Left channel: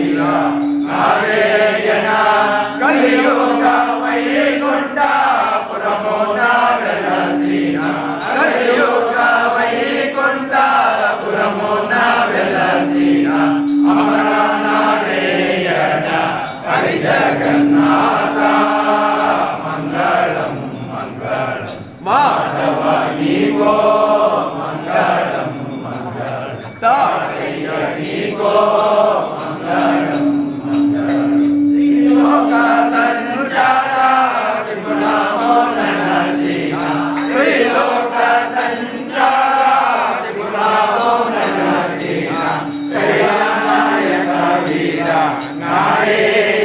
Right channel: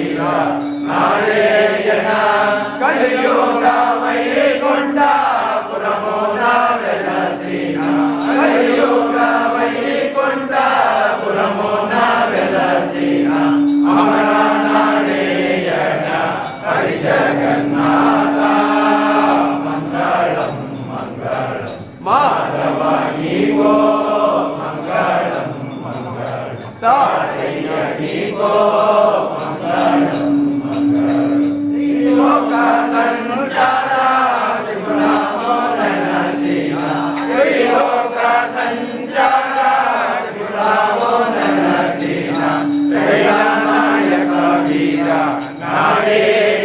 వీర నారాయణ కలియుగ వైకుంఠపురమున వెలసిన కలియుగ వైకుంఠపురమున వెలసిన అమర నారాయణ హరి జగన్నాథ మంగళం మంగళం మాధవ నీకో మంగళం మంగళం తారయ్య నీకో మంగళం మంగళం త్రిలోక సంచార త్రిపురామోదన శ్రీన త్రిలోక సంచార త్రిపురామోదన శ్రీన జయ నాయక వీర నారాయణ